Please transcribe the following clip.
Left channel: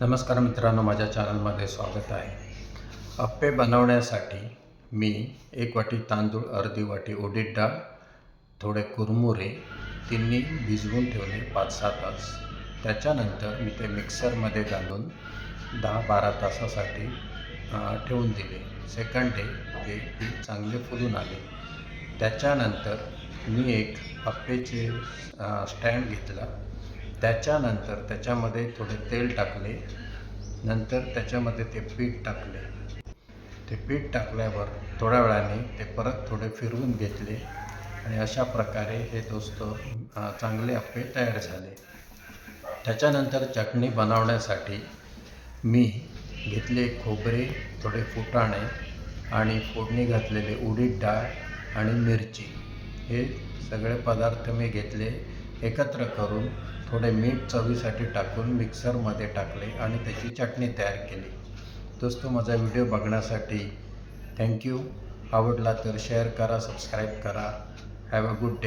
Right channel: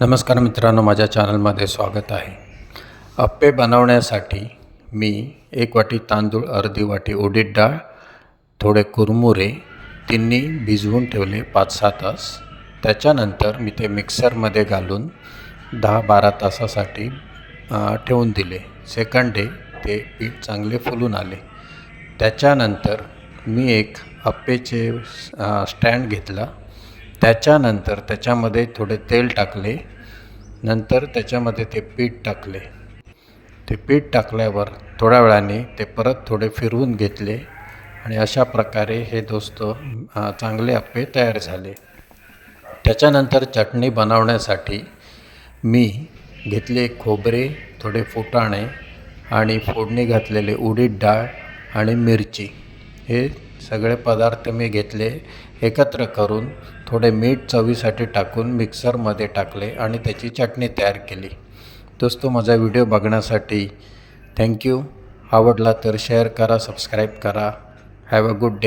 नमस्कार मित्रांनो, माझ्या चॅनलमध्ये स्वागत आहे। अप्पे बनवण्यासाठी मी 1 वाटी तांदूळ, अर्धी वाटी उडीद डाळ, थोडे कुरमुरे तिन्ही भिजवून ठेवले 5-6 तास। त्याच्यानंतर मी ते मिक्सरमध्ये घालून 10-12 तासासाठी ठेवून दिले। सेकंड डे ते पीठ चांगले फुलून आले। त्याच्यानंतर मी एक अप्पेचे स्टँड घेतला। त्याच्यानंतर त्याच्यामध्ये थोडे तेल टाकले। नंतर त्याच्यामध्ये ते पीठ टाकले। ते पीठ टाकल्यावर थोड्या वेळाने ते परत थोडे फिरवून घेतले आणि अशा प्रकारे हे चांगले अप्पे तयार झाले। त्याच्यानंतर चटणी बनवण्यासाठी मी घेतले खोबरे, थोडे फुटाणे आणि फोडणी घातलेले उडीद डाळ आणि मिरची, हे सगळे पदार्थ मी घेतले। एकत्र करून थोडे मीठ चवीसाठी टाकून मिक्सरमध्ये टाकले आणि त्याची चटणी तयार केली। दोस्तो, माझा व्हिडिओ बघण्यासाठी थँक्यू। आवडला तर शेअर करा, सबस्क्राईब करा। Have a good day.